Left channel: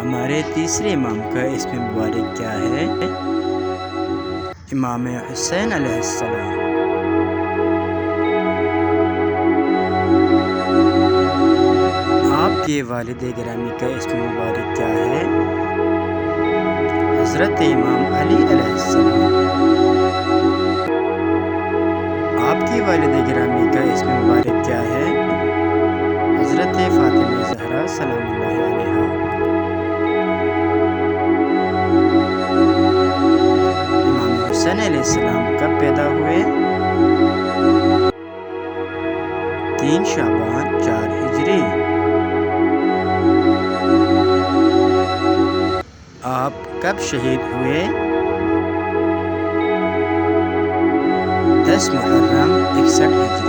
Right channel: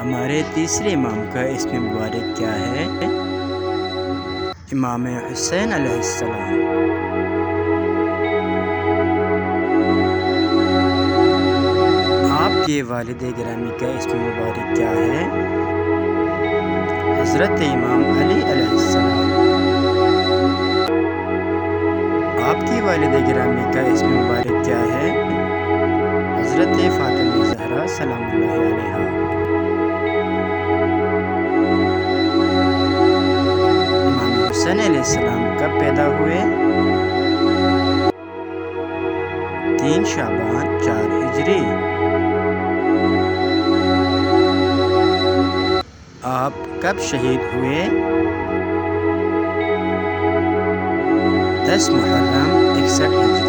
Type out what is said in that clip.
ہمارے تیسرے امام کا اسم مبارک کیا ہے؟ امام حسین علیہ السلام۔ آپ کے والد گرامی کا اسم مبارک کیا ہے؟ حضرت امام علی علیہ السلام۔ آپ کی والد گرامی کا اسم مبارک کیا ہے؟ حضرت فاطمہ زہرا سلام اللہ علیہا۔ امام حسین علیہ السلام کب پیدا ہوئے؟ 3 شعبان 4 ہجری۔ آپ کب شہید ہوئے؟ 10 محرم 61 ہجری۔